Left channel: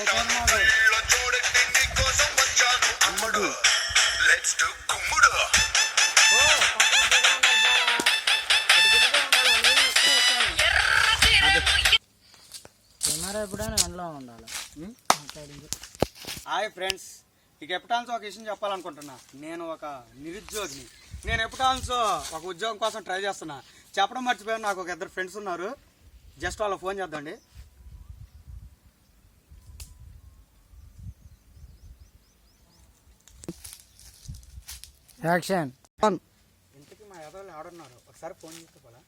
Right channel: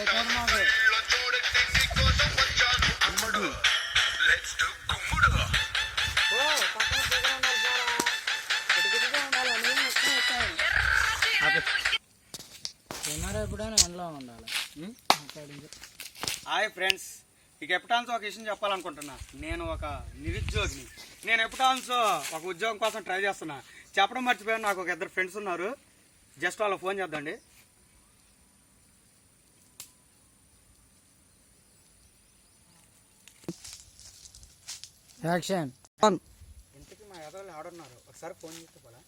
Camera ఎప్పుడైనా ఎండ్లో ఉండాలి. హాయ్ ఫ్రెండ్స్, ఇక ఎప్పుటాన్స్ ఒక విషయం చెప్పాలనుకుంటున్నా. నేను ఒక నిరుద్యోగిని. నేను ఎప్పుటాన్స్ ఒక ఉద్యోగం కోసం ట్రై చేస్తున్నా. చెప్పడం మర్చిపోయాను, నాకు ఒక ఇద్దరు ఫ్రెండ్స్ ఉన్నారు. జస్ట్ వాళ్ళకి ఫోన్ చేద్దండి. యాక్షన్. ఇంతకీ మా ఎదరాలు ఆడున్నారు, ఒకసారి ఫోన్ చేస్తే పోలా.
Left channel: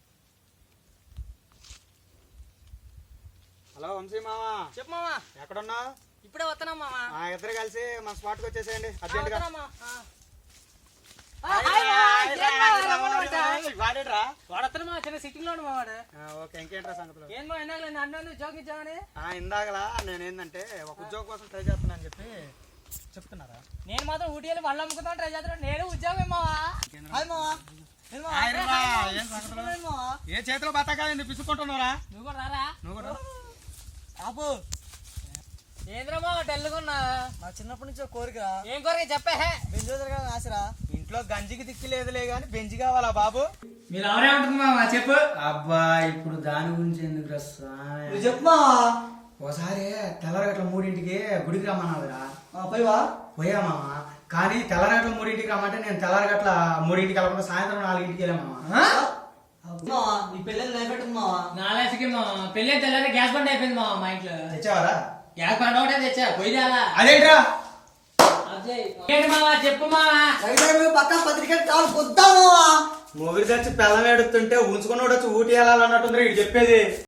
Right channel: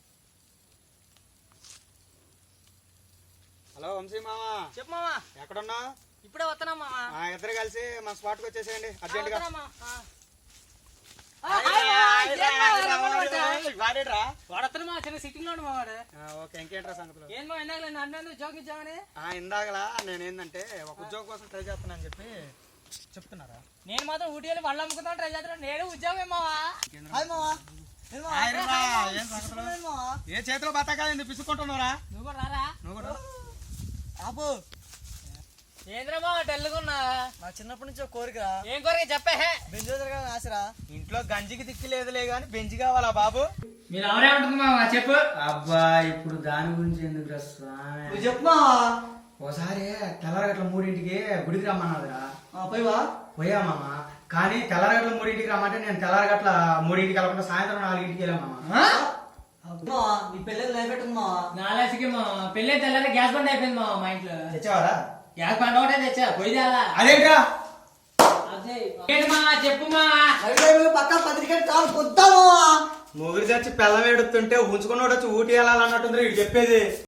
హలో వంశీ మామ. చెప్పు మామా. ఎక్కడున్నా? ఇప్పుడే వస్తున్నా మామా. ఇద్దరు కలిసి మన స్పాట్కి వచ్చేసేయండి అర్జెంట్గా. చిన్న సిట్టింగ్ లో మావాడు. ఓకే, ఇంకేంట్రా సంగతులు? ఏం మా ఇందాక అన్న జోక్ ఇచ్చామని. ఇందాకలా నేను ఏంటంటే ఒక ఉద్యోగం కోసం ట్రై చేస్తున్నా అని చెప్పి చెప్తున్నారా? నేను మాత్రం ఊటీ వెళ్ళి వాళ్ళు అమ్ముకుందాం ట్రై చేస్తున్నాను. నేను ఉద్యోగం మావా. ఏ చేతిలో బతకాలి పిసుకుంటున్నారా? నువ్వు కూడా రారా? నువ్వు కూడా ఆపు. ఏంద్రమా తెల్లుకున్నా? నా చిన్నప్పటి నుంచి ఒక కోరిక. ఏం కోరిక చెప్పే? బెంజోదర్ గారు ఆశరా. ఇంట్లో గంజికి దిక్కులేదులే గాని బెంజి కావాలా బాబు? మీరు ఎవరే ఉంటుంది మావా చెప్పు. అబ్బా ఇప్పుడు దాని గురించి ఎందుకు నువ్వు చెప్పు. ఒకసారి తెల్లరగట్ల 3ంటికి గుడికి రమ్మన్నాదురా. పోయివా? పోయా మామ. కానీ తెల్లరగట్ల 3ంటికి రమ్మంటే నేను తెల్లరగట్ల 3ంటికి వెళ్ళకుండా సాయంత్రం 4ంటికి వెళ్ళా మామ. నీ పెళ్ళి నిలబెట్టుకున్నా? నాలేసికి మా పెళ్ళి తెల్లారి గ్యాస్ బండ్ అయిపోయింది మా మా ఇంట్లో. తెచ్చావారా? గ్యాస్ బండ్ ఒకటే తెచ్చా, పోయిదా? అదేంట్రా? ఏంటి మా చెప్పు మా. పక్క పత్రిక కాలు పొద్దాము. మొగుడు తెచ్చి పిల్లం ఏడుతుంటే ఉంచుకుని వచ్చి ఊటి వెళ్ళాలన్నట్టుంది చెప్పేది.